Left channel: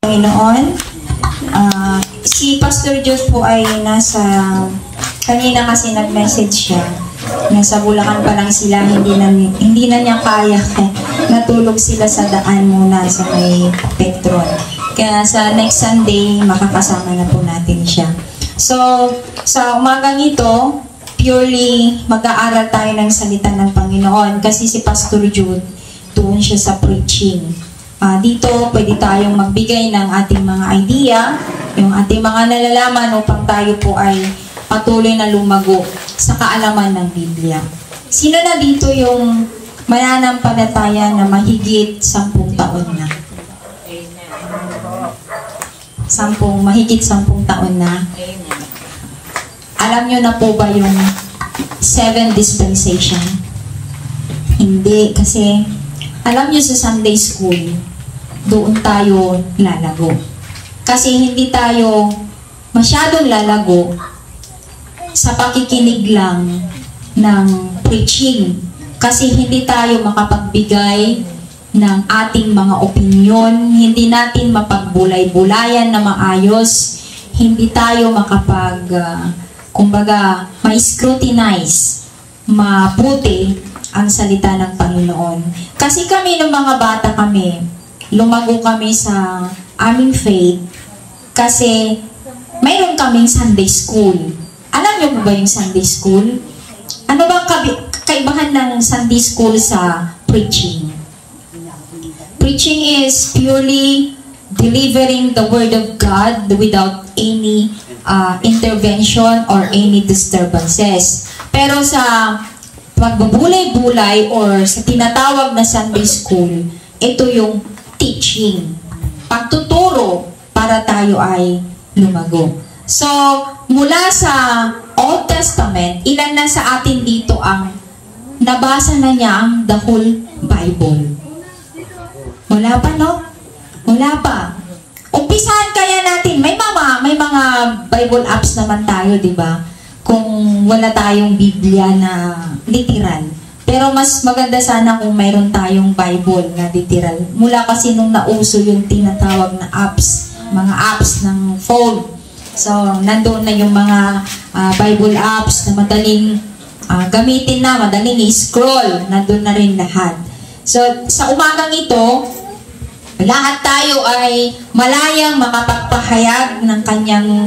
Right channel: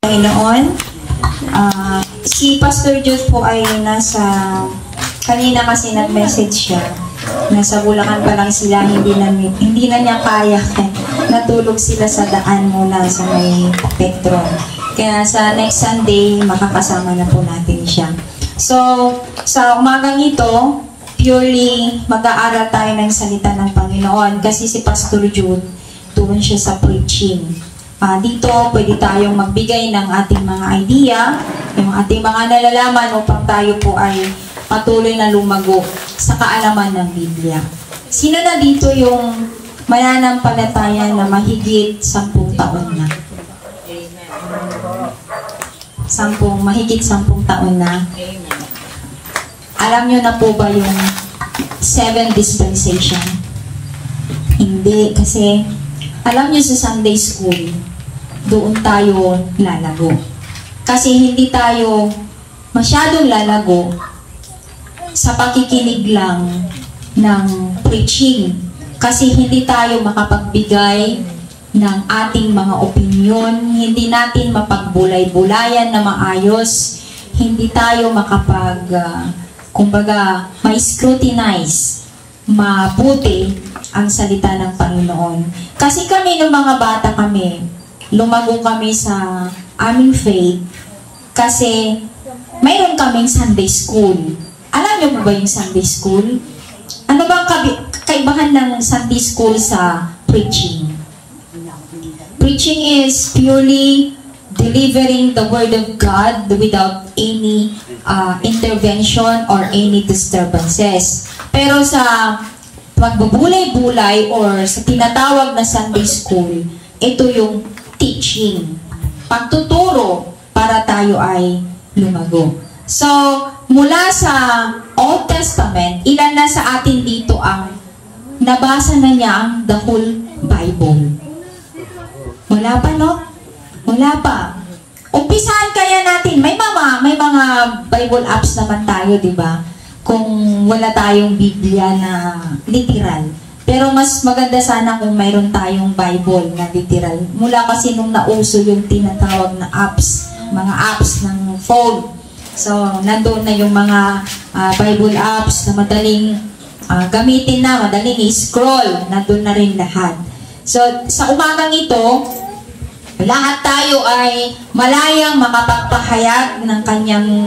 Panginoon. Si Pastor Jude po ay kanina kasi nag-message siya. Nasa Bulacan pa lang sila, hindi na niya kaya. Natulog sila sa daan muna sa may Petron. Kaya sa next Sunday, makakasama na po natin siya. So, sa umagang ito, purely mag-aaral tayo ng salita ng Panginoon. Kasi si Pastor Jude, doon siya sa preaching. Dito, pwede tayong magbigay ng ating mga idea, yung ating mga nalalaman upang tayo po ay patuloy na lumago sa kaalaman ng Biblia. Sino na dito yung mananampalataya na mahigit 10 taon na? Mahigit 10 taon na. Alam nyo na po ba yung 7 dispensation? Hindi, kasi alam nyo sa Sunday School, doon tayo lalago. Kasi hindi tayo masyadong lalago sa pakikinig lang ng preaching. Kasi hindi tayo makapagbigay ng ating mga opinyon, hindi natin mapagbulay-bulayan na maayos, hindi tayo kumbaga, ma-scrutinize, mabuti ang salita ng Panginoon. Kasi kami ng mga bata lumago kami sa aming faith kasi mayroon kaming Sunday School. Alam niyo ba yung Sunday School? Ano ba kaibahan ng Sunday School sa preaching? Preaching is purely delivering the Word of God without any intervention or any disturbances. Pero sa pagbubulay-bulay or sa tinatawag na Sunday School, ito yung teaching, pagtuturo para tayo ay lumago. So, mula sa Old Testament, ilan na sa atin dito ang nabasa na niya ang the whole Bible? Wala pa, no? Wala pa. Umpisahan kaya natin, may mga Bible apps naman tayo, di ba? Kung wala tayong Biblia na literal. Pero mas maganda sana kung mayroon tayong Bible na literal. Mula kasi nung nauso yung tinatawag na apps, mga apps ng phone. So, nandoon na yung mga Bible apps na madaling gamitin na, madaling i-scroll. Nandoon na rin lahat. So, sa umagang ito, lahat tayo ay malayang makapagpahayag ng kanyang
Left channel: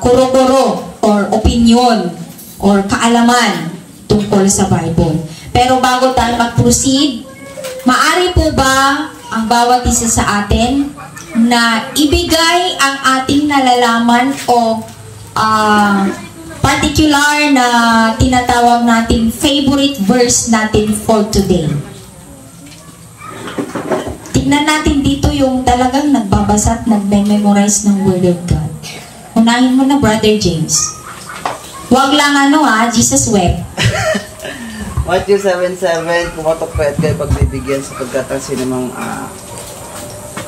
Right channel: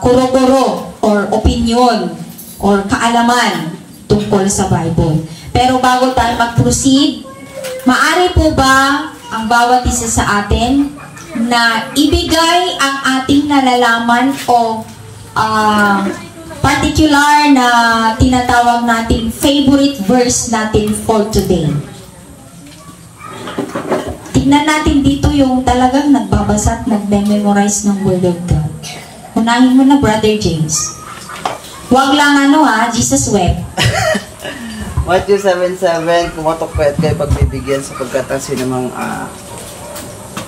kuro-kuro or opinion or kaalaman tungkol sa Bible. Pero bago tayo mag-proceed, maaari po ba ang bawat isa sa atin na ibigay ang ating nalalaman o particular na tinatawag natin favorite verse natin for today? Tignan natin dito yung talagang nagbabasa at nagme-memorize ng Word of God. Unahin mo na, Brother James. Huwag lang Jesus wept. Matthew 7:7, kumatok pa at kayo pagbibigyan sapagkat ang sinamang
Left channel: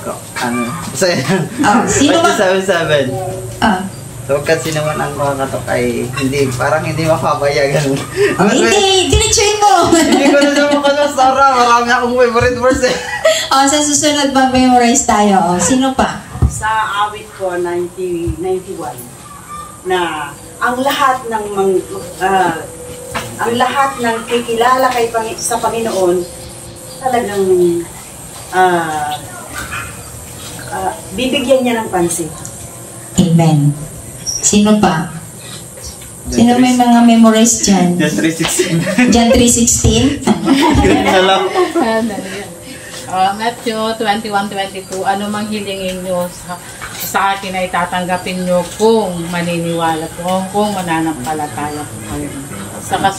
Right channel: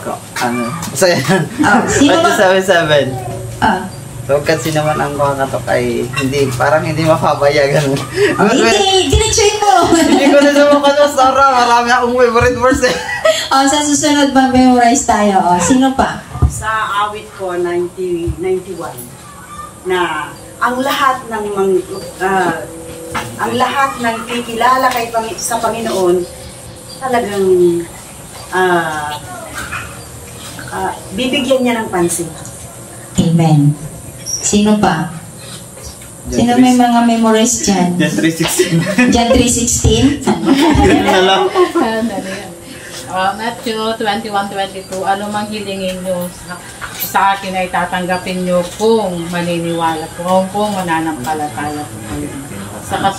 basta yan. Matthew 7:7. Sapagkat sinaman ang kumakatok ay parang hindi mapabaya, ganun. Hindi, diretsuhin mo. Hindi ko na naman Sara, marami akong favorite verse eh. Sa susunod memorize tayo. Sino pa? Sa awit ko, 91, na ang lahat ng kikilala sa Panginoon talagang bibigyan niya ng pansin. Amen. Sino pa? Sino may mga memorize dyan? John 3:16. John 3:16? Matthew 21:22, ano mang hilingin nyo sa akin ay tatanggapin nyo kung maniniwala po, kung mananampalataya po kayo. Saka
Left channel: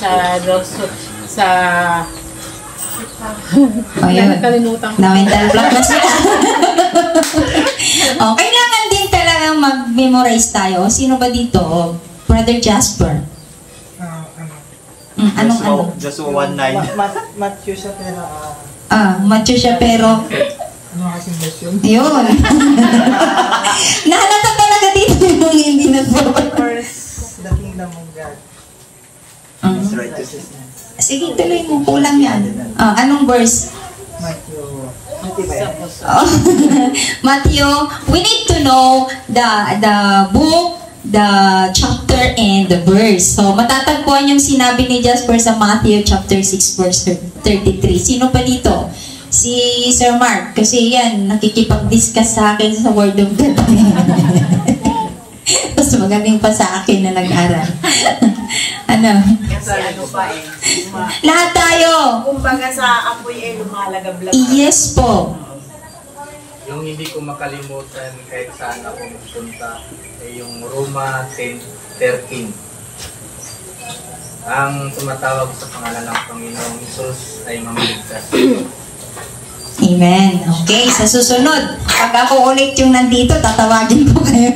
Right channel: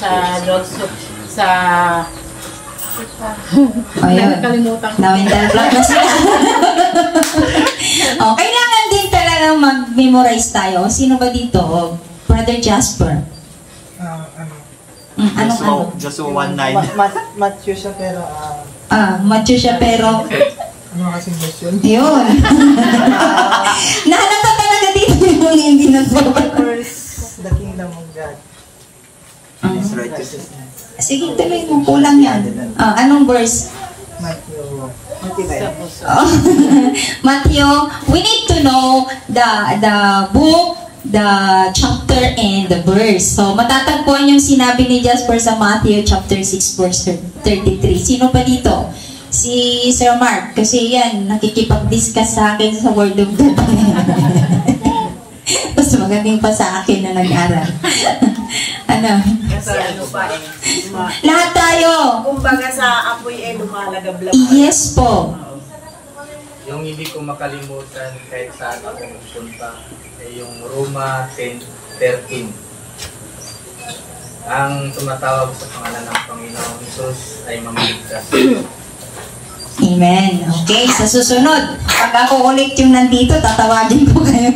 sa nakalimutan ko. Na-mental block na sila. Kailangan din talaga mag-memorize tayo. Sino ba dito? Brother Jasper. Anong? Joshua 1:9. Matthew siya pero Matthew siya pero ano kasing version? yun. Nahalata talaga dito yung hindi nag-focus. First, the kingdom of God. Righteousness. Sige, tuloy mo. Kulang yan. Anong verse? Matthew Oh, Matthew, we need to know the book, the chapter, and the verse. So, matatagpuan yung sinabi ni Jasper sa Matthew chapter 6 verse 33. Sino pa dito? Si Sir Mark. Kasi yan, nakikipag-discuss sa akin sa Word of God. Mas magaling pa sa akin na nag-aral. Ano? Kasi ano pa eh. Lahat tayo. Kumbaga sa apoy eh, lumalagab-labas. Yes po. Yung hindi ko makalimutan kahit saan ako magpunta ay yung Roma 10:13. Ang tumatawag sa pangalan ng Panginoong Hesus ay mamaligtas. Amen. Okay, sa susunod, pag ako ulit yung nandito, tatawagin ko kayo.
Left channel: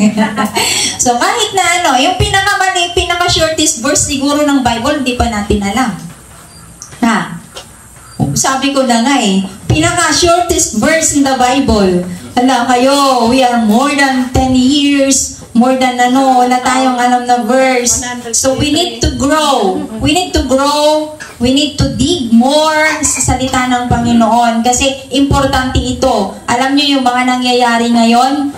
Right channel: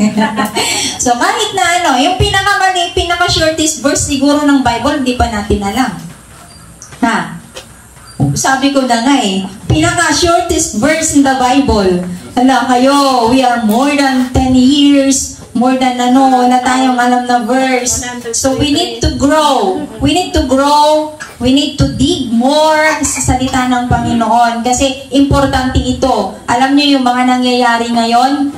So, kahit na ano, yung pinaka-shortest verse siguro ng Bible, hindi pa natin alam. Ha? Sabi ko na nga eh, pinaka-shortest verse in the Bible. Hala kayo, we are more than 10 years, more than na tayong alam na verse. So we need to grow. We need to grow. We need to dig more sa salita ng Panginoon. Kasi importante ito. Alam niyo yung mga nangyayari ngayon?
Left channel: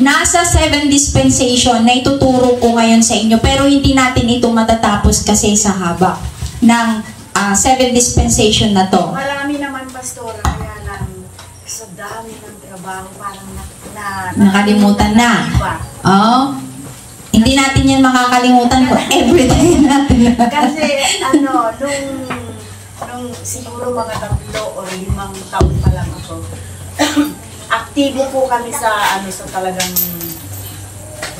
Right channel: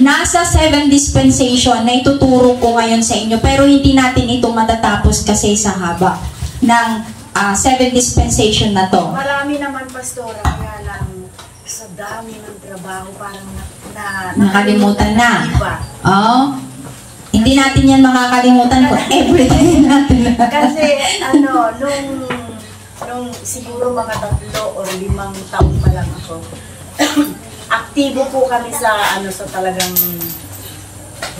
Nasa 7 dispensation na ituturo ko ngayon sa inyo. Pero hindi natin ito matatapos kasi sa haba ng 7 dispensation na to. Marami naman, Pastora, kaya lang sa dami ng trabaho, parang nakalimutan na. Oh, hindi natin yan makakalimutan ko. Everyday natin. Kasi nung siguro mga 3 o 5 taon pa lang ako, aktibo po kami sa sa talagang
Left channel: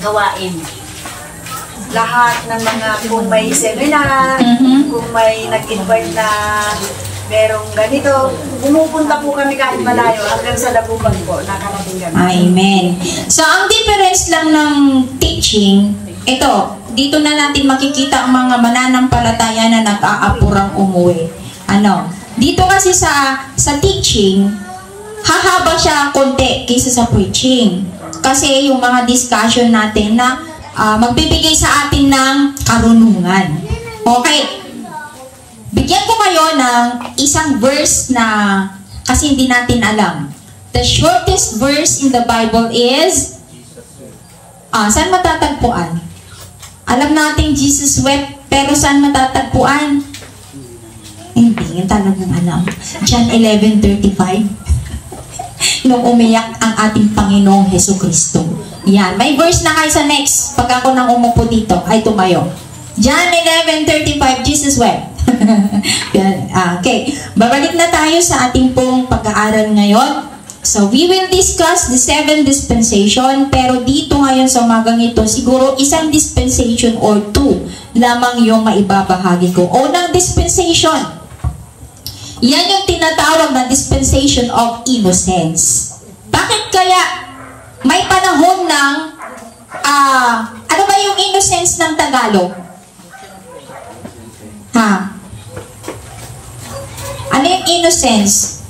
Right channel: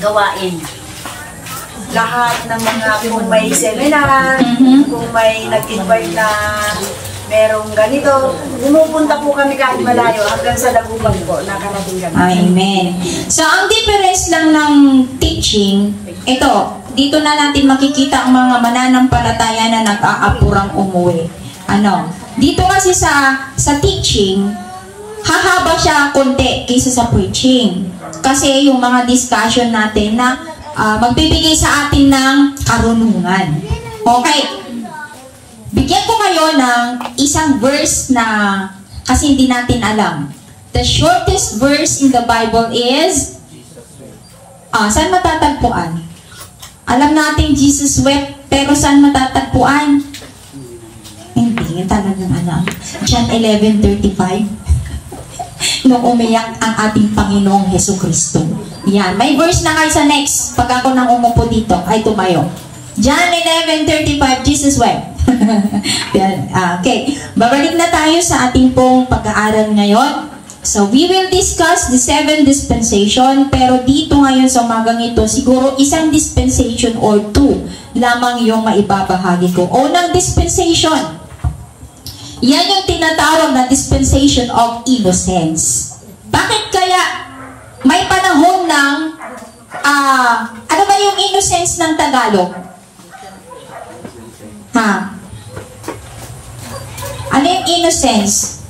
gawain. Lahat ng mga, kung may seminar, kung may nag-invite na merong ganito, pumupunta po kami kahit malayo hanggang sa Laguban po, nakarating kami. Amen. So, ang difference lang ng teaching, ito, dito na natin makikita ang mga mananampalataya na nag-aapurang umuwi. Dito kasi sa teaching, hahaba siya konti kaysa sa preaching. Kasi yung mga discussion natin na magbibigay sa atin ng karunungan. Okay. Bigyan ko kayo ng isang verse na kasi hindi natin alam. The shortest verse in the Bible is saan matatagpuan? Alam natin Jesus wept, pero saan matatagpuan? Hindi talagang alam. John 11:35. Nung umiyak ang ating Panginoong Hesukristo. Yan. May verse na kayo sa next. Pag ako nang umupo dito, ay tumayo. John 11:35, Jesus wept. Okay. Babalik na tayo sa ating pong pag-aaral ngayon. So, we will discuss the 7 dispensation, pero dito ngayon sa umagang ito, siguro isang dispensation or 2 lamang yung maibabahagi ko. Unang dispensation. Yan yung tinatawag na dispensation of innocence. Bakit kaya may panahon ng ano ba yung innocence ng Tagalog? Ha? Ano yung innocence?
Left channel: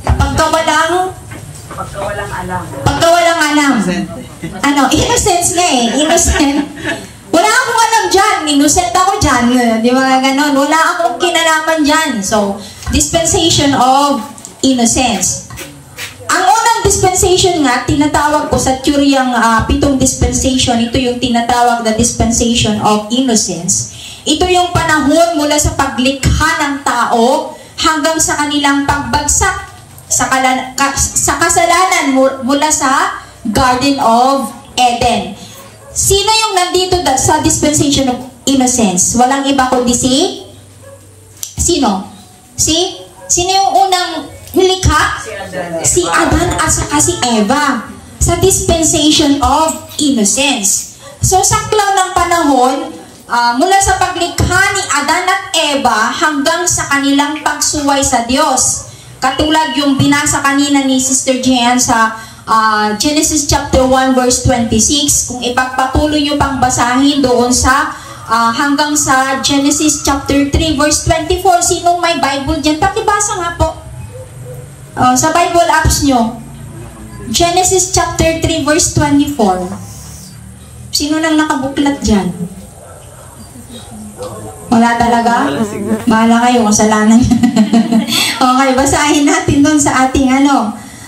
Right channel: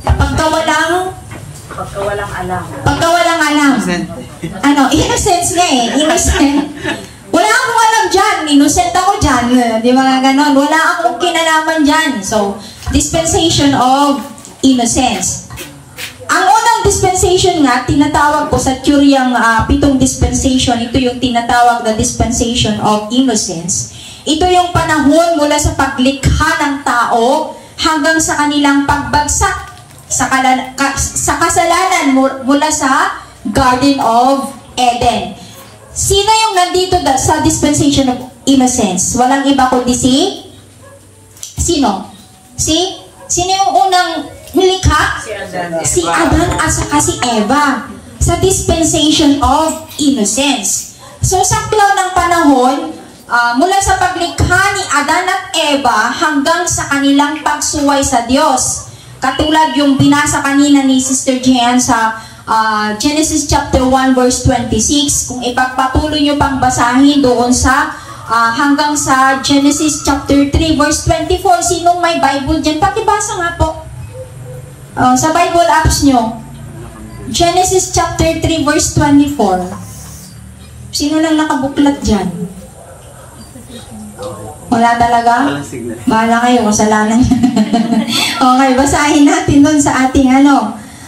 Pagkawalang alam. Pagkawalang alam. Innocence nga eh. Innocent. Wala akong alam dyan. Innocent ako dyan. Di ba ganon? Wala akong kinalaman dyan. So, dispensation of innocence. Ang unang dispensation nga, tinatawag ko sa teoryang 7 dispensation, ito yung tinatawag na dispensation of innocence. Ito yung panahon mula sa paglikha ng tao hanggang sa kanilang pagbagsak sa kasalanan mula sa Garden of Eden. Sino yung nandito sa dispensation of innocence? Walang iba kundi Sino? Sino yung unang nilikha? Si Adan at saka si Eva. Sa dispensation of innocence. So, saklaw ng panahon, mula sa paglikha ni Adan at Eva hanggang sa kanilang pagsuway sa Diyos. Katulad yung binasa kanina ni Sister Jean sa Genesis chapter 1 verse 26. Kung ipagpatuloy nyo pang basahin doon sa hanggang sa Genesis chapter 3 verse 24. Sinong may Bible dyan? Pakibasa nga po. Sa Bible apps nyo. Genesis chapter 3 verse 24. Sino nang nakabuklat dyan? Wala talaga? Bahala kayo, kasalanan. Okay, basahin natin doon sa ating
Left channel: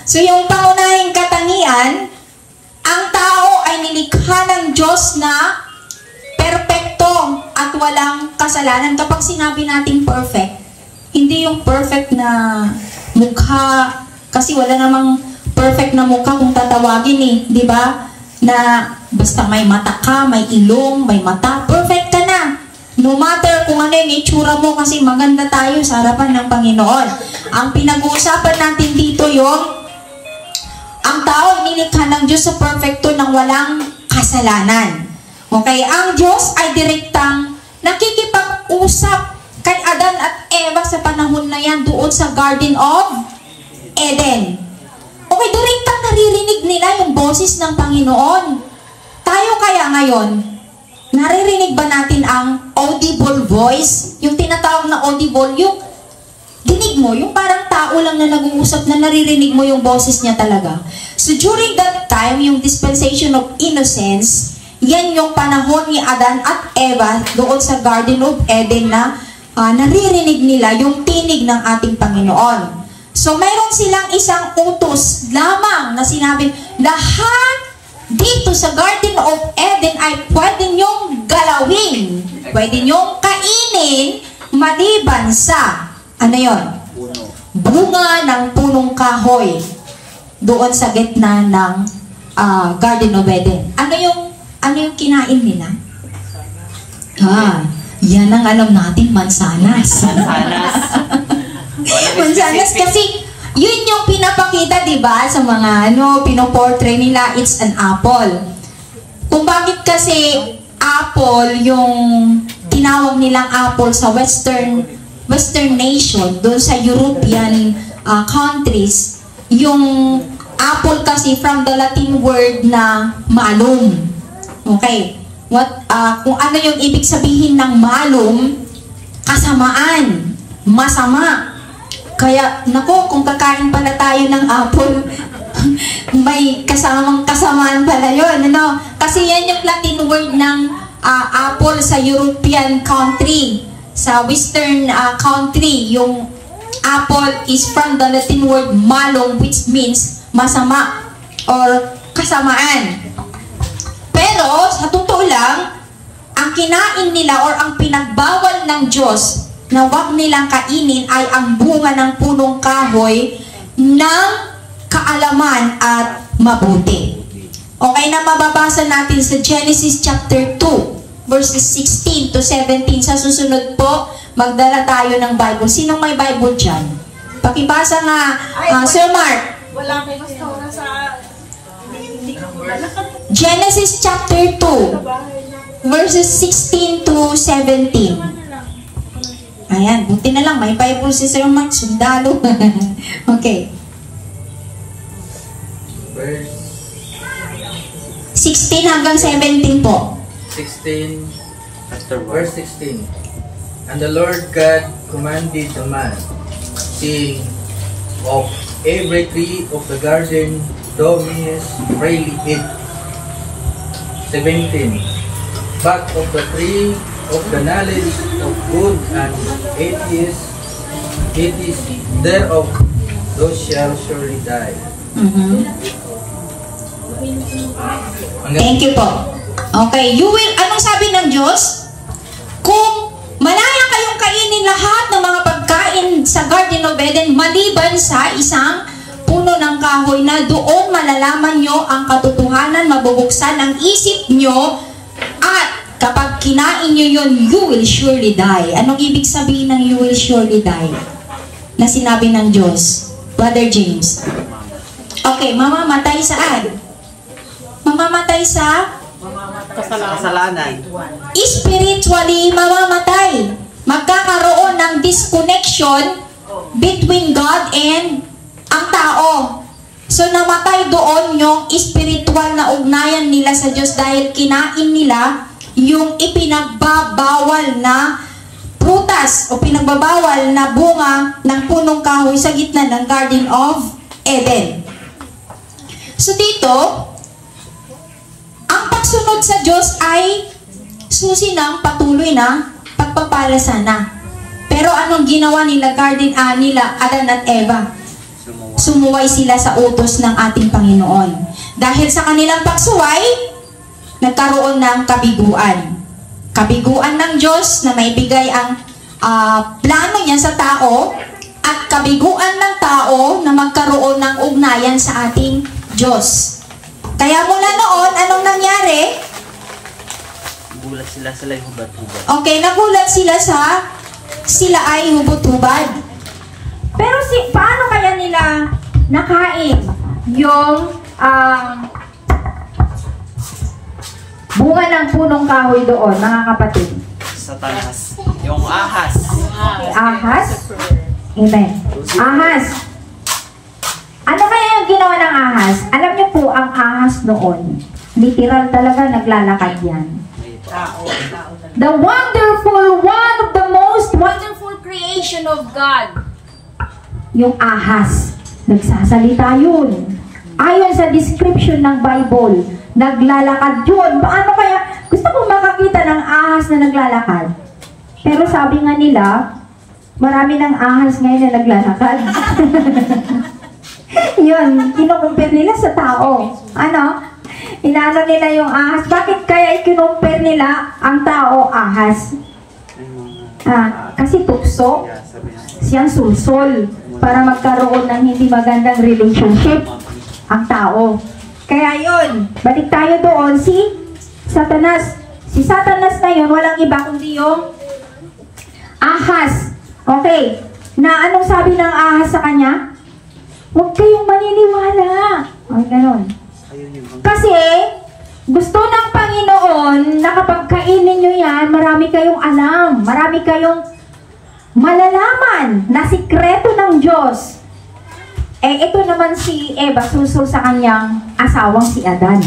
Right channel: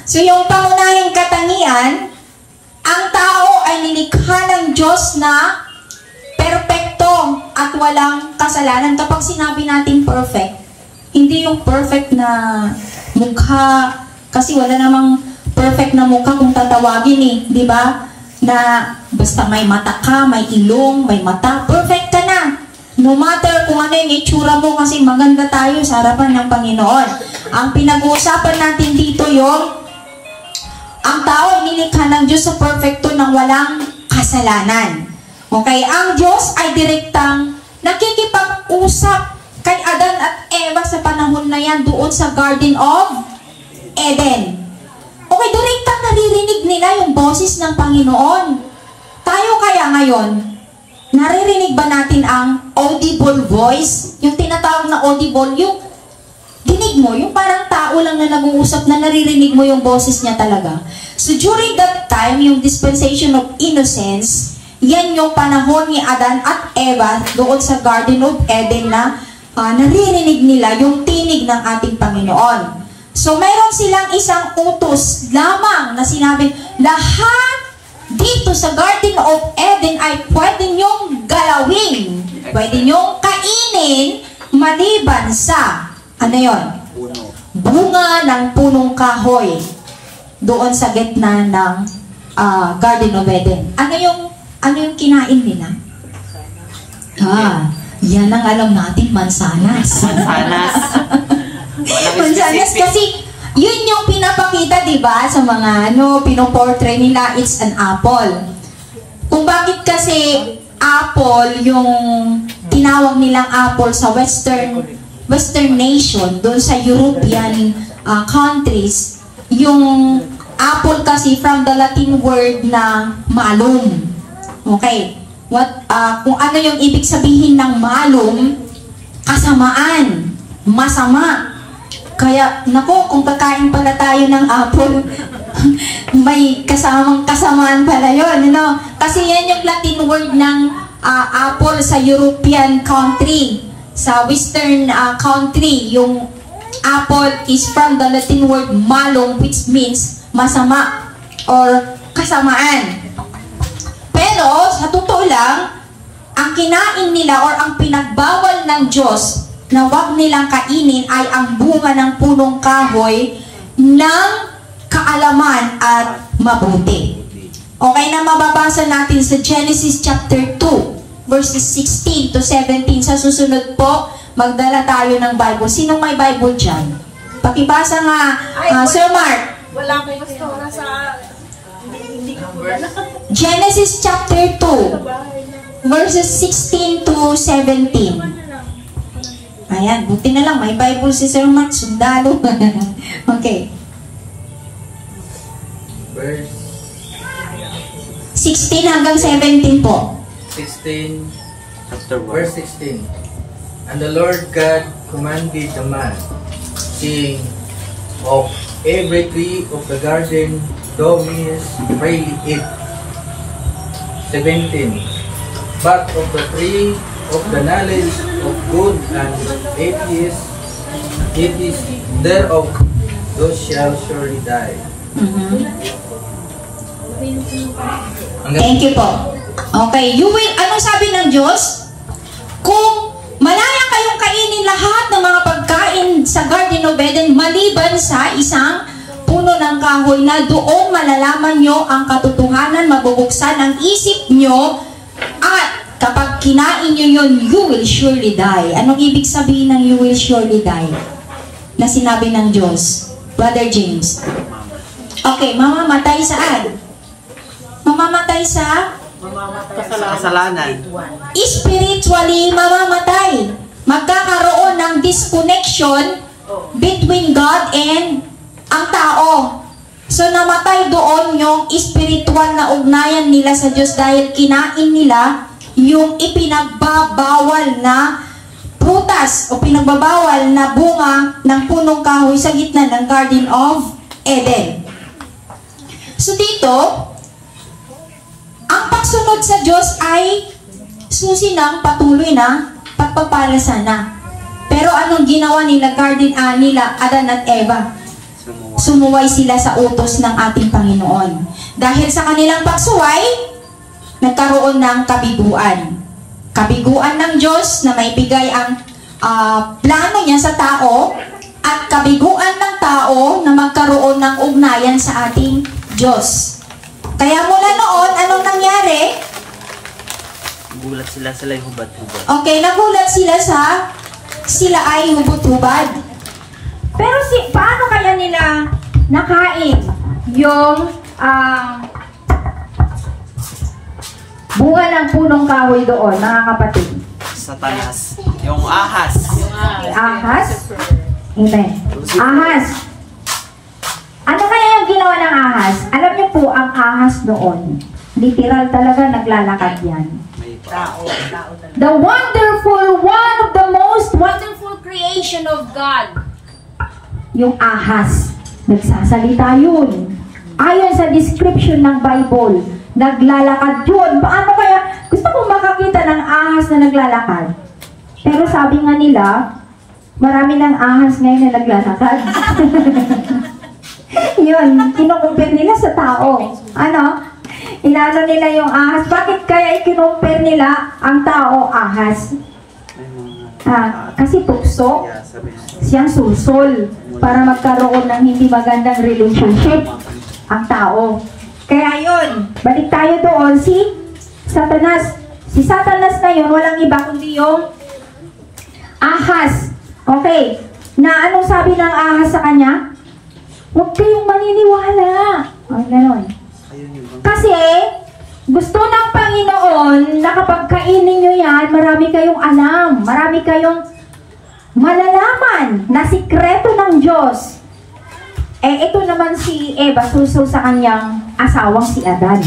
So yung pangunahing katangian, ang tao ay nilikha ng Diyos na perpekto at walang kasalanan. Kapag sinabi natin perfect, hindi yung perfect na mukha, kasi wala namang perfect na mukha kung tatawagin eh, di ba? Na basta may mata ka, may ilong, may mata, perfect ka na. No matter kung ano yung itsura mo, kasi maganda tayo sa harapan ng Panginoon. Ang pinag-uusapan natin dito yung ang tao nilikha ng Diyos sa perfecto ng walang kasalanan. Okay, ang Diyos ay direktang nakikipag-usap kay Adan at Eva sa panahon na yan doon sa Garden of Eden. Okay, direktang naririnig nila yung boses ng Panginoon. Tayo kaya ngayon, naririnig ba natin ang audible voice? Yung tinatawag na audible, yung dinig mo, yung parang tao lang na nag-uusap na naririnig mo yung boses niya talaga. So during that time, yung dispensation of innocence, yan yung panahon ni Adan at Eva doon sa Garden of Eden na naririnig nila yung tinig ng ating Panginoon. So meron silang isang utos lamang na sinabi, lahat dito sa Garden of Eden ay pwede nyong galawin, pwede nyong kainin, maliban sa, ano yun? Bunga ng punong kahoy doon sa gitna ng Garden of Eden. Ano yung kinain nila? Yan ang alam natin, mansanas. Mansanas kasi yun yung pinapakita, di ba, sa mga pinoportray nila, it's an apple. Kung bakit kasi apple yung tinawag nilang apple sa western nation, doon sa European countries, yung apple kasi from the Latin word na malum. Okay. Kung ano yung ibig sabihin ng malum, kasamaan, masama. Kaya, nako, kung kakain pala tayo ng apple, may kasamaan pala yun, ano? Kasi yan yung Latin word ng apple sa European country. Sa Western country, yung apple is from the Latin word malum, which means masama or kasamaan. Pero, sa totoo lang, ang kinain nila or ang pinagbawal ng Diyos na wag nilang kainin ay ang bunga ng punong kahoy ng kaalaman at mabuti. Okay na mababasa natin sa Genesis chapter 2, verses 16 to 17. Sa susunod po, magdala tayo ng Bible. Sinong may Bible dyan? Pakibasa nga, Sir Mark. Wala kay pastora sa... Hindi ko wala. Genesis chapter 2, verses 16 to 17. Ayan, buti na lang, may Bible si Sir Mark, sundalo. Okay. Verse 16 hanggang 17 po. 16, verse 16. And the Lord God commanded the man, saying, of every tree of the garden thou mayest freely eat. 17. But of the tree of the knowledge of good and evil thereof, those shall surely die. Thank you po. Okay, ano sabi ng Diyos? Kung malaya kayong kainin lahat ng mga pagkain sa Garden of Eden, maliban sa isang puno ng kahoy na doon malalaman nyo ang katotohanan, mabubuksan ang isip nyo, at kapag kinain nyo yun, you will surely die. Anong ibig sabihin ng you will surely die? Na sinabi ng Diyos. Brother James. Okay, mamamatay saan? Mamamatay sa? Kasalanan. Spiritually, mamamatay. Magkakaroon ng disconnection between God and ang tao. So, namatay doon yung spiritual na ugnayan nila sa Diyos dahil kinain nila yung ipinagbabawal na prutas o pinagbabawal na bunga ng punong kahoy sa gitna ng Garden of Eden. So dito, ang pagsunod sa Diyos ay susi ng patuloy na pagpapala sana. Pero anong ginawa nila Adan at Eva? sumuway sila sa utos ng ating Panginoon. Dahil sa kanilang pagsuway, nagkaroon ng kabiguan. Kabiguan ng Diyos na may bigay ang plano niya sa tao at kabiguan ng tao na magkaroon ng ugnayan sa ating Diyos. Kaya mula noon, anong nangyari? Nagulat sila yung hubad-hubad. Okay, nagulat sila ay hubot-hubad. Pero paano kaya nila nakain yung bunga ng punong kahoy doon, mga kapatid? Satanas. Yung ahas. Ahas? Amen. Ahas. Ano kaya yung ginawa ng ahas? Alam niyo po, ang ahas noon, literal talaga naglalakad yan. Tao talaga. The wonderful, one of the most wonderful creation of God. Yung ahas. Nagsasalita yun. Ayon sa description ng Bible, naglalakad yun. Paano kaya? Gusto ko makakita ng ahas na naglalakad. Pero sabi nga nila, marami ng ahas ngayon na naglalakad. Yun, kinukumpir nila sa tao. Ano? Inaano nila yung ahas. Bakit kaya ikinumpir nila ang tao ahas? Kasi tukso, siyang sulsol para magkaroon ng hindi magandang relationship ang tao. Kaya yun, balik tayo doon, si Satanas. Si Satanas na yun, walang iba kundi yung ahas. Okay, na anong sabi ng ahas sa kanya? Huwag kayong maniniwala. Ay, gano'n. Kasi, gusto ng Panginoon na kapag kainin nyo yan, marami kayong alam, marami kayong malalaman na sikreto ng Diyos. Ito naman si Eva, suso sa kanyang asawang si Adan.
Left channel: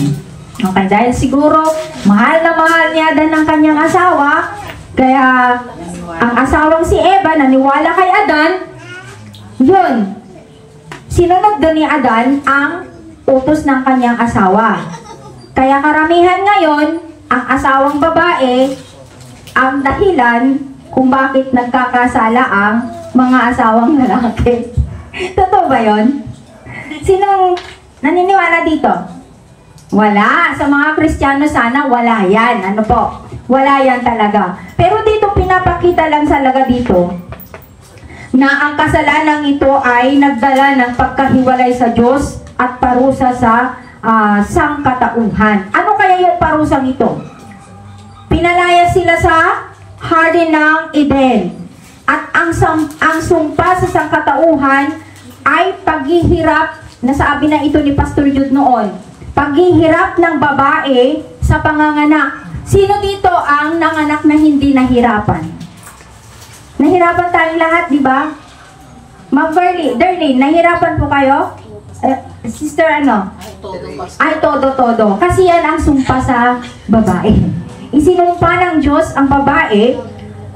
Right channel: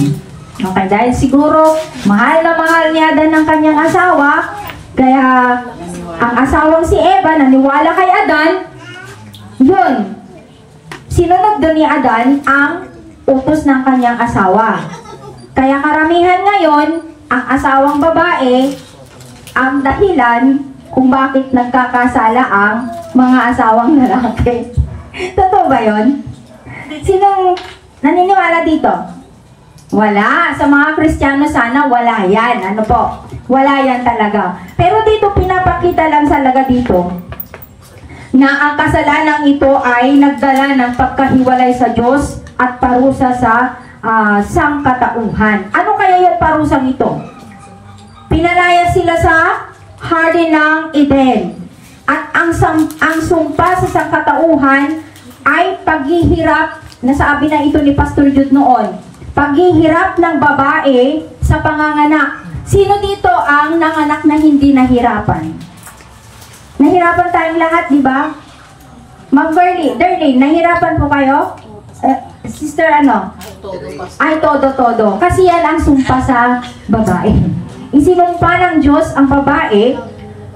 Okay, dahil siguro, mahal na mahal ni Adan ng kanyang asawa, kaya ang asawang si Eva, naniwala kay Adan, yun, sinunod doon ni Adan ang utos ng kanyang asawa. Kaya karamihan ngayon, ang asawang babae, ang dahilan kung bakit nagkakasala ang mga asawang lalaki. Totoo ba yun? Sinong naniniwala dito? Wala. Sa mga Kristiyano sana, wala yan. Ano po? Wala yan talaga. Pero dito, pinapakita lang talaga dito na ang kasalanan ito ay nagdala ng pagkahiwalay sa Diyos at parusa sa sangkatauhan. Ano kaya yung parusang ito? Pinalaya sila sa Garden ng Eden. At ang sumpa sa sangkatauhan ay paghihirap, nasabi na ito ni Pastor Jude noon, paghihirap ng babae sa panganganak. Sino dito ang nanganak na hindi nahirapan? Nahirapan tayong lahat, di ba? Ma'am Darlene, nahirapan po kayo? Sister, ano? Ay, todo. Kasi yan ang sumpa sa babae. Isinumpa ng Diyos ang babae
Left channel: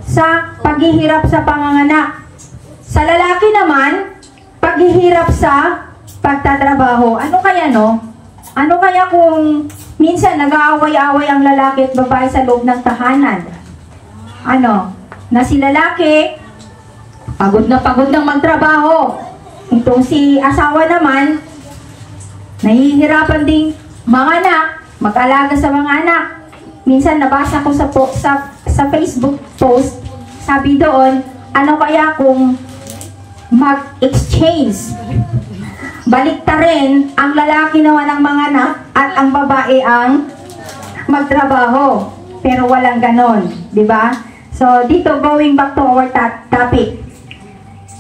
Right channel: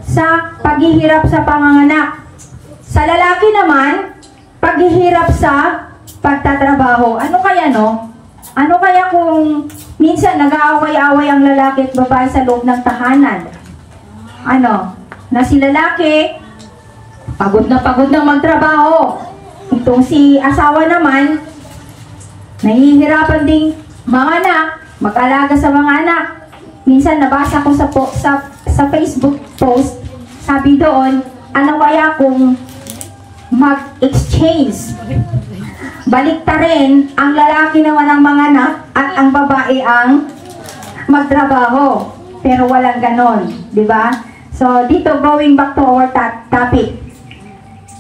sa paghihirap sa panganganak. Sa lalaki naman, paghihirap sa pagtatrabaho. Ano kaya, no? Ano kaya kung minsan nag-aaway-away ang lalaki at babae sa loob ng tahanan? Ano? Na si lalaki, pagod ng magtrabaho. Itong si asawa naman, nahihirapan ding mga anak, mag-alaga sa mga anak. Minsan nabasa ko sa Facebook post, sabi doon, ano kaya kung mag-exchange? Baliktarin, ang lalaki naman ang mga anak at ang babae ang magtrabaho. Pero walang ganon, di ba? So, dito, going back to our topic.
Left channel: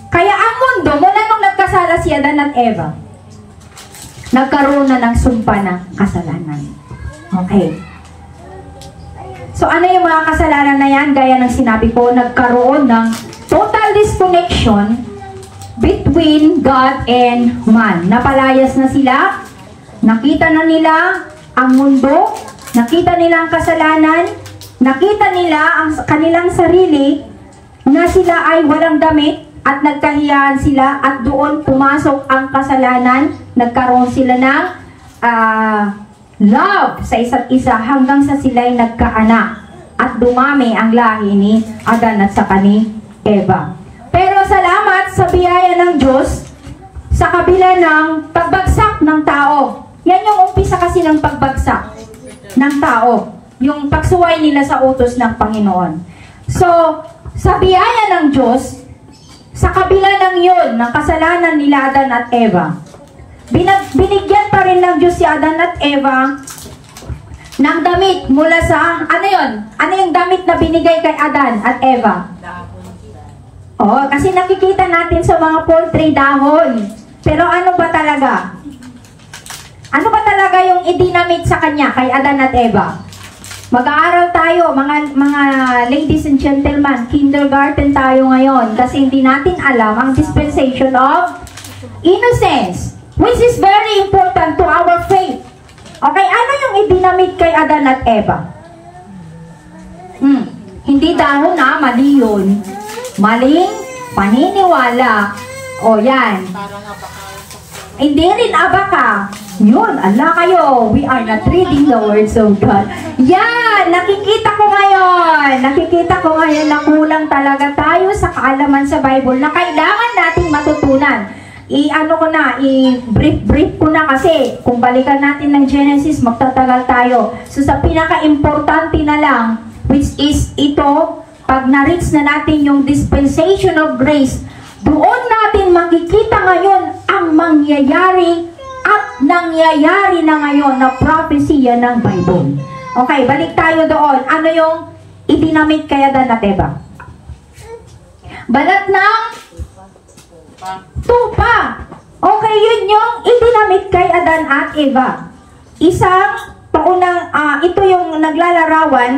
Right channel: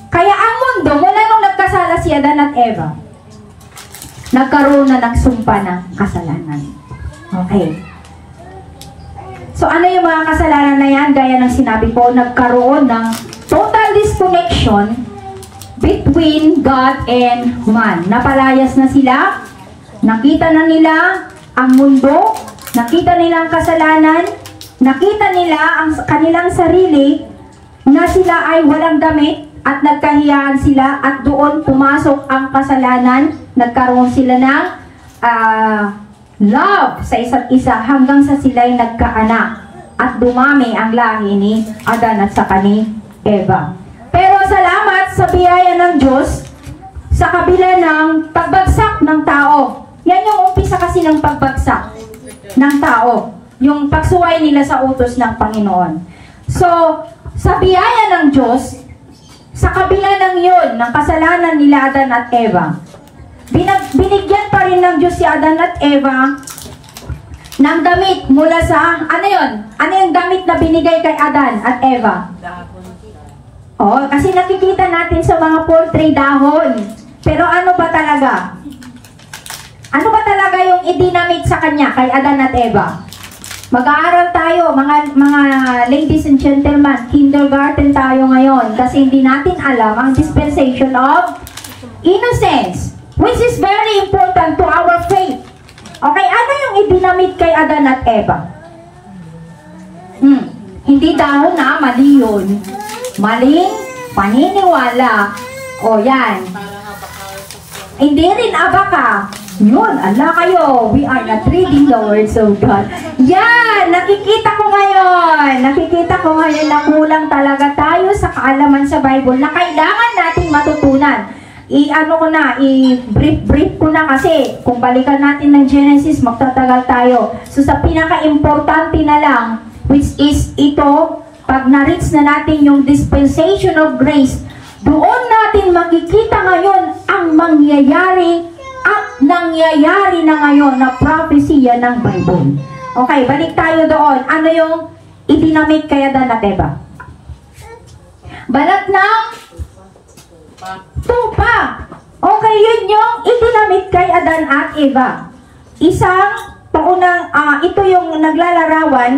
Kaya ang mundo, mula nung nagkasala si Adan at Eva, nagkaroon na ng sumpa ng kasalanan. Okay. So, ano yung mga kasalanan na yan? Gaya ng sinabi ko, nagkaroon ng total disconnection between God and man. Napalayas na sila, nakita na nila ang mundo, nakita nila ang kasalanan, nakita nila ang kanilang sarili na sila ay walang damit at nagkahiyaan sila at doon pumasok ang kasalanan, nagkaroon sila ng love sa isa't isa hanggang sa sila'y nagkaanak at dumami ang lahi ni Adan at saka ni Eva. Pero salamat sa biyaya ng Diyos, sa kabila ng pagbagsak ng tao. Yan yung umpisa kasi ng pagbagsak ng tao. Yung pagsuway nila sa utos ng Panginoon. So, sa biyaya ng Diyos, sa kabila ng yun, ng kasalanan nila Adan at Eva, binigyan pa rin ng Diyos si Adan at Eva ng damit mula sa, ano yun? Ano yung damit na binigay kay Adan at Eva? Oh, kasi nakikita natin sa mga poultry dahon. Pero ano ba talaga? Ano ba talaga yung idinamit sa kanya kay Adan at Eva? Mag-aaral tayo, mga ladies and gentlemen, kindergarten tayo ngayon kasi hindi natin alam ang dispensation of innocence, which is very important to our faith. Okay, ano yung idinamit kay Adan at Eva? Hindi dahon na, mali yun. Maling paniniwala. O yan. Hindi rin abaka. Yun, ala kayo. We are not reading the words of God. Yan, nakikita ko ngayon na kulang talaga tayo sa kaalaman sa Bible na kailangan nating matutunan. I-brief ko na kasi kung balikan natin ng Genesis, magtatagal tayo. So sa pinaka-importante na lang, which is ito, pag na-reach na natin yung dispensation of grace, doon natin makikita ngayon ang mangyayari at nangyayari na ngayon na propesya ng Bible. Okay, balik tayo doon. Ano yung idinamit kay Adan at Eva? Balat ng tupa. Okay, yun yung idinamit kay Adan at Eva. Isang paunang, ito yung naglalarawan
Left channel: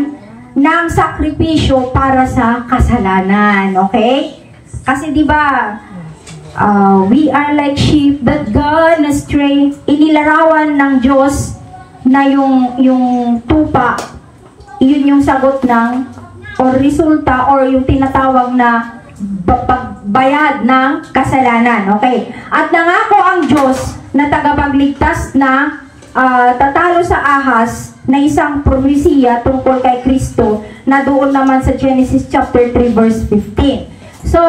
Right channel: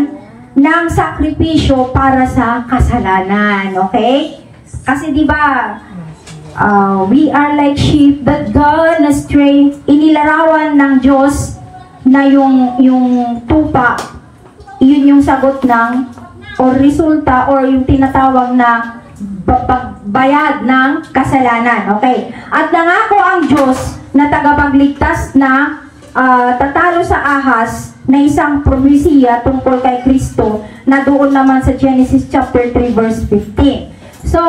ng sakripisyo para sa kasalanan. Okay? Kasi di ba we are like sheep that gone astray. Inilarawan ng Diyos na yung tupa, yun yung sagot ng o resulta or yung tinatawag na bayad ng kasalanan. Okay? At nangako ang Diyos na tagapagligtas na tatalo sa ahas na isang propesiya tungkol kay Kristo na doon naman sa Genesis chapter 3 verse 15. So,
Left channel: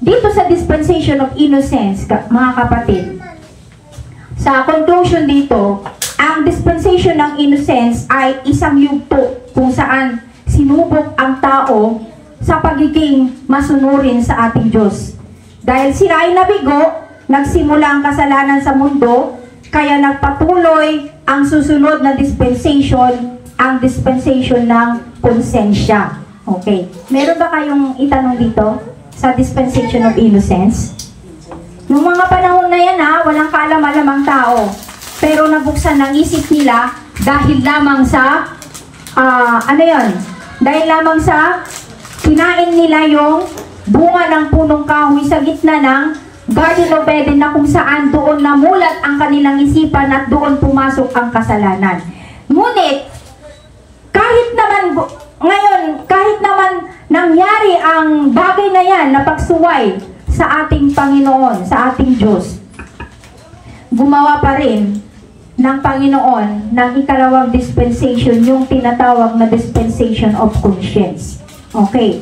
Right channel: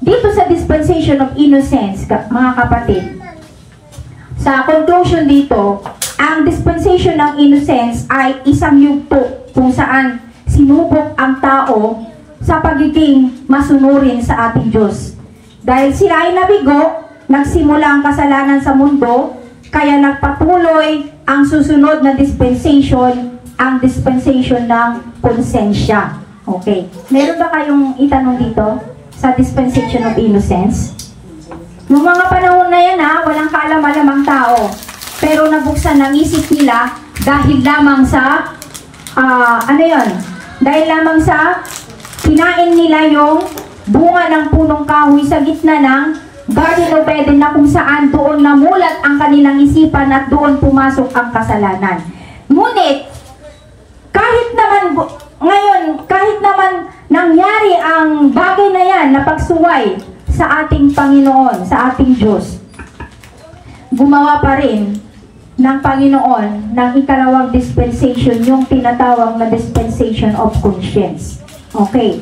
dito sa dispensation of innocence, mga kapatid, sa conclusion dito, ang dispensation ng innocence ay isang yugto kung saan sinubok ang tao sa pagiging masunurin sa ating Diyos. Dahil sila ay nabigo, nagsimula ang kasalanan sa mundo, kaya nagpatuloy ang susunod na dispensation, ang dispensation ng konsensya. Okay. Meron ba kayong itanong dito sa dispensation of innocence? Noong mga panahon na yan walang kaalam-alamang tao. Pero nabuksan ng isip nila dahil lamang sa, dahil lamang sa kinain nila yung bunga ng punong kahoy sa gitna ng Garden of Eden na kung saan doon namulat ang kanilang isipan at doon pumasok ang kasalanan. Ngunit, kahit naman nangyari ang bagay na yan na pagsuway sa ating Panginoon, sa ating Diyos, gumawa pa rin ng Panginoon ng ikalawang dispensation, yung tinatawag na dispensation of conscience. Okay.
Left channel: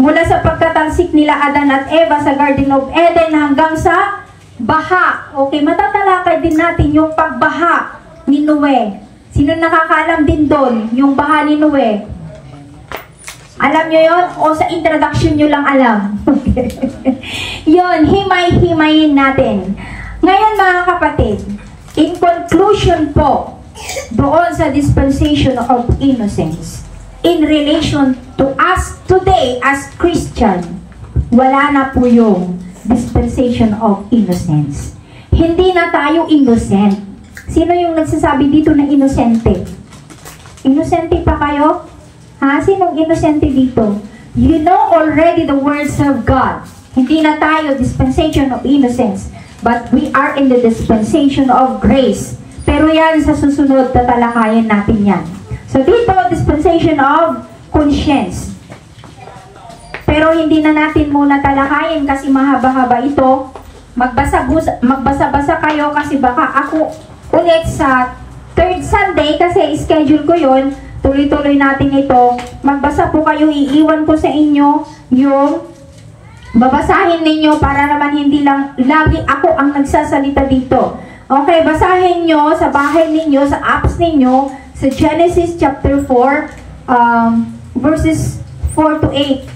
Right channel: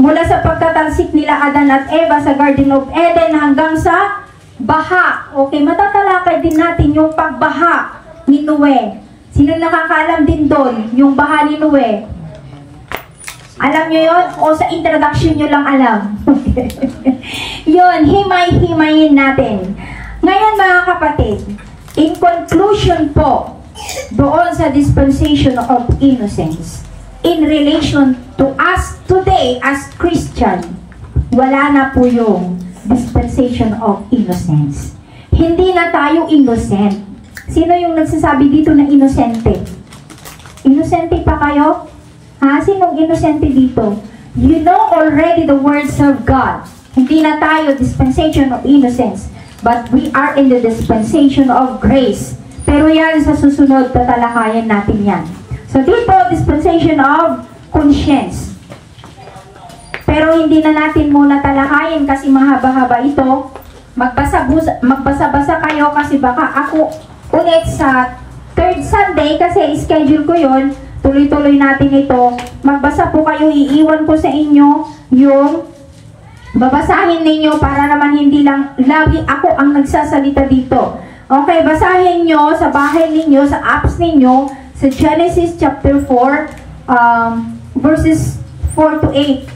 Mula sa pagtatalsik nila Adan at Eva sa Garden of Eden hanggang sa baha. Okay, matatalakay din natin yung pagbaha ni Noe. Sino nakakaalam din doon yung baha ni Noe? Alam nyo yun? O sa introduction nyo lang alam? Okay. Yun, himay-himayin natin. Ngayon mga kapatid, in conclusion po, doon sa dispensation of innocence, in relation to us today as Christian, wala na po yung dispensation of innocence. Hindi na tayo innocent. Sino yung nagsasabi dito na inosente? Inosente pa kayo? Sinong inosente dito? You know already the words of God. Hindi na tayo dispensation of innocence, but we are in the dispensation of grace. Pero yan sa susunod, tatalakayan natin yan. So dito, dispensation of conscience. Pero hindi na natin muna talakayin kasi mahaba-haba ito. Magbasa-basa kayo kasi baka ako ulit sa third Sunday kasi schedule ko yun. Tuloy-tuloy natin ito. Magbasa po kayo, iiwan ko sa inyo yung Babasahin ninyo para naman hindi lang lagi ako ang nagsasalita dito. Okay, basahin nyo sa bahay ninyo, sa apps ninyo, sa Genesis chapter 4, verses 4 to 8.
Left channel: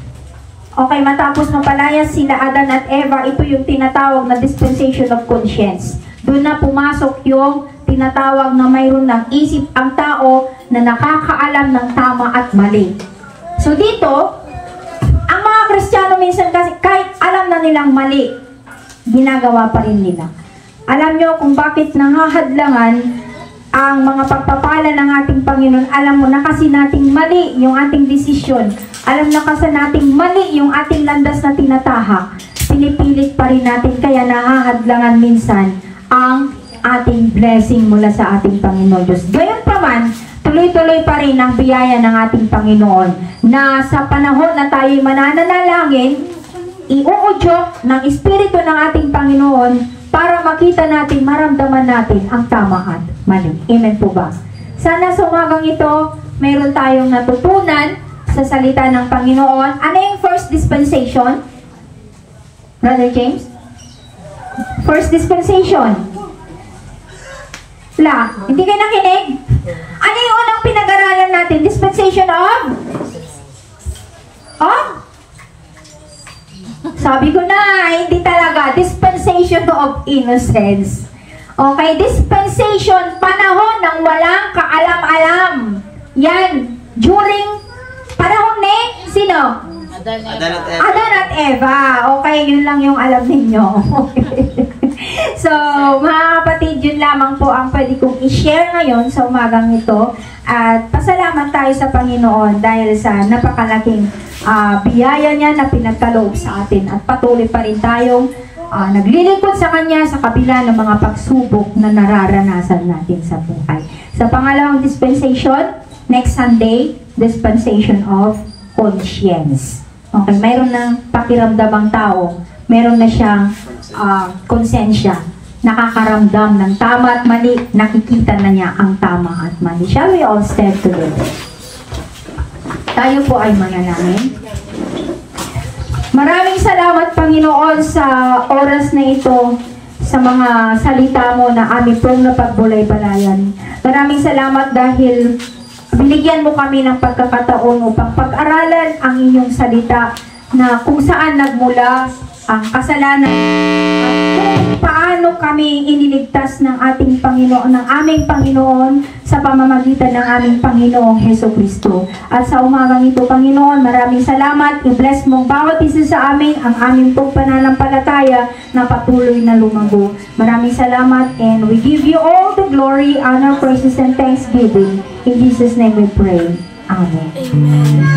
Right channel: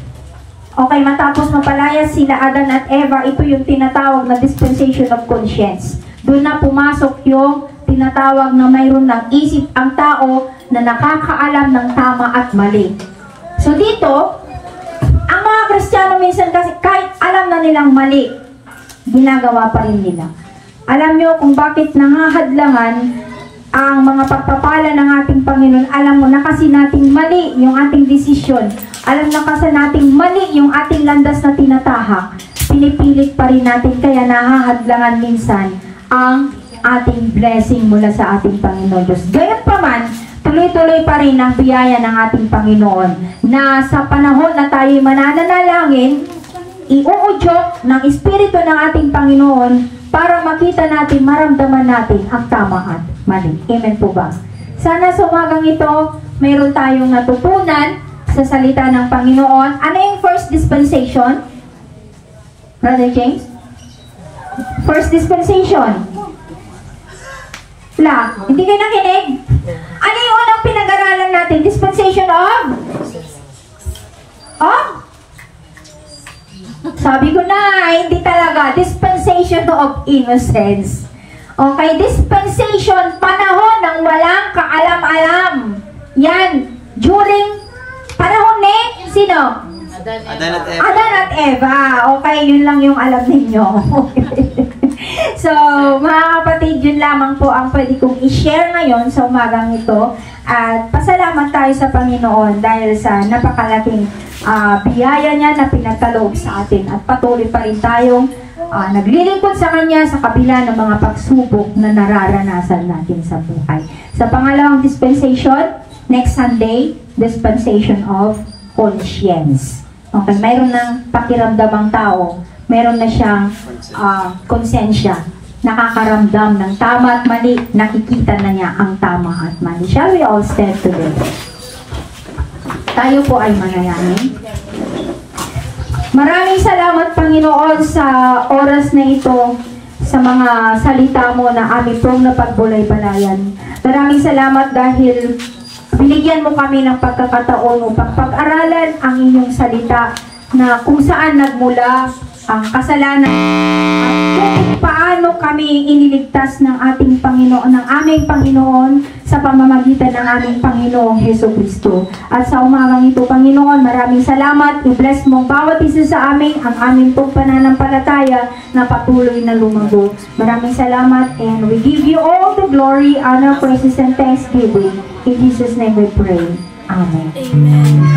Okay, matapos mapalaya sila Adan at Eva, ito yung tinatawag na dispensation of conscience. Doon na pumasok yung tinatawag na mayroon ng isip ang tao na nakakaalam ng tama at mali. So dito, ang mga Kristiyano minsan kasi kahit alam na nilang mali, ginagawa pa rin nila. Alam nyo kung bakit nangahadlangan ang mga pagpapala ng ating Panginoon. Alam mo na kasi nating mali yung ating desisyon. Alam na kasi nating mali yung ating landas na tinatahak. Pinipilit pa rin natin kaya nahahadlangan minsan ang ating blessing mula sa ating Panginoon Diyos. Gayon pa man, tuloy-tuloy pa rin ang biyaya ng ating Panginoon na sa panahon na tayo'y mananalangin, iuudyok ng Espiritu ng ating Panginoon para makita natin, maramdaman natin ang tama at mali. Amen po ba? Sana sa umagang ito, meron tayong natutunan sa salita ng Panginoon. Ano yung first dispensation? Brother James? First dispensation. Hindi kayo nakinig? Ano yung unang pinag-aralan natin? Dispensation of? Sabi ko na, hindi talaga. Dispensation of innocence. Okay, dispensation, panahon ng walang kaalam-alam. Yan, during panahon ni, sino? Adan at Eva. Okay, yun lang yung alam ninyo. So, mga kapatid, yun lamang po ang pwede kong i-share ngayon sa umagang ito. At pasalamat tayo sa Panginoon dahil sa napakalaking biyaya niya na pinagkaloob sa atin. At patuloy pa rin tayong naglilingkod sa Kanya sa kabila ng mga pagsubok na nararanasan natin sa buhay. Sa pangalawang dispensation, next Sunday, dispensation of conscience. Okay, mayroon ng pakiramdamang tao, meron na siyang konsensya, nakakaramdam ng tama at mali, nakikita na niya ang tama at mali. Shall we all stand together? Tayo po ay manalangin. Maraming salamat, Panginoon, sa oras na ito, sa mga salita mo na aming pong napagbulay-balayan. Maraming salamat dahil binigyan mo kami ng pagkakataon upang pag-aralan ang inyong salita na kung saan nagmula ang kasalanan at kung paano kami iniligtas ng ating Panginoon, ng aming Panginoon sa pamamagitan ng aming Panginoong Hesukristo. At sa umagang ito, Panginoon, maraming salamat. I-bless mong bawat isa sa amin, ang aming pong pananampalataya na patuloy na lumago. Maraming salamat and we give you all the glory, honor, praises, and thanksgiving. In Jesus' name we pray. Amen. Amen.